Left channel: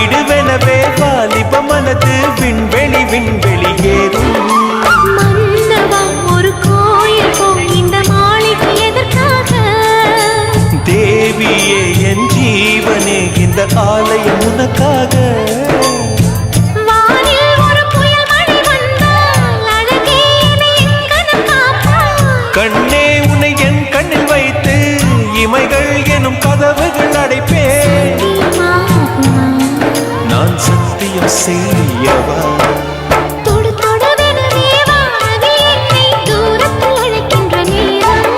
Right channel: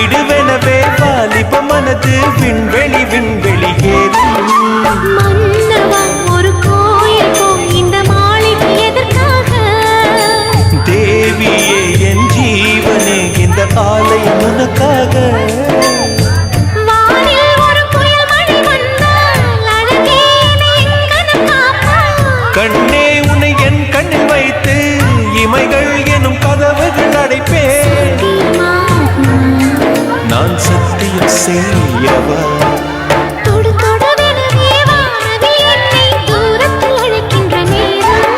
விடுவெனவே வாலிப மனது விண்வெளி விண்வெளி ஏறும். மன்னவா ஒரு கோயில் போய் இந்த மாளிகை எதற்காக? தேவியே என் ஜீவனே இந்த ஆலயம் உனக்காக. வானில் ஒரு புயல் மழை வந்தால் அழகே என்னை எங்கனம் காப்பாய். கண்ணே உன்னை என் கண்ணில் வைத்து இமைகள் எனும் கதவுகள் அடைப்பேன். சத்தியமாகுமா? நான் சத்தியம் செய்யவா? தொடு தொடுவெனவே வானவில் என்னை தூரத்தில் அழைக்கின்ற நேரம்.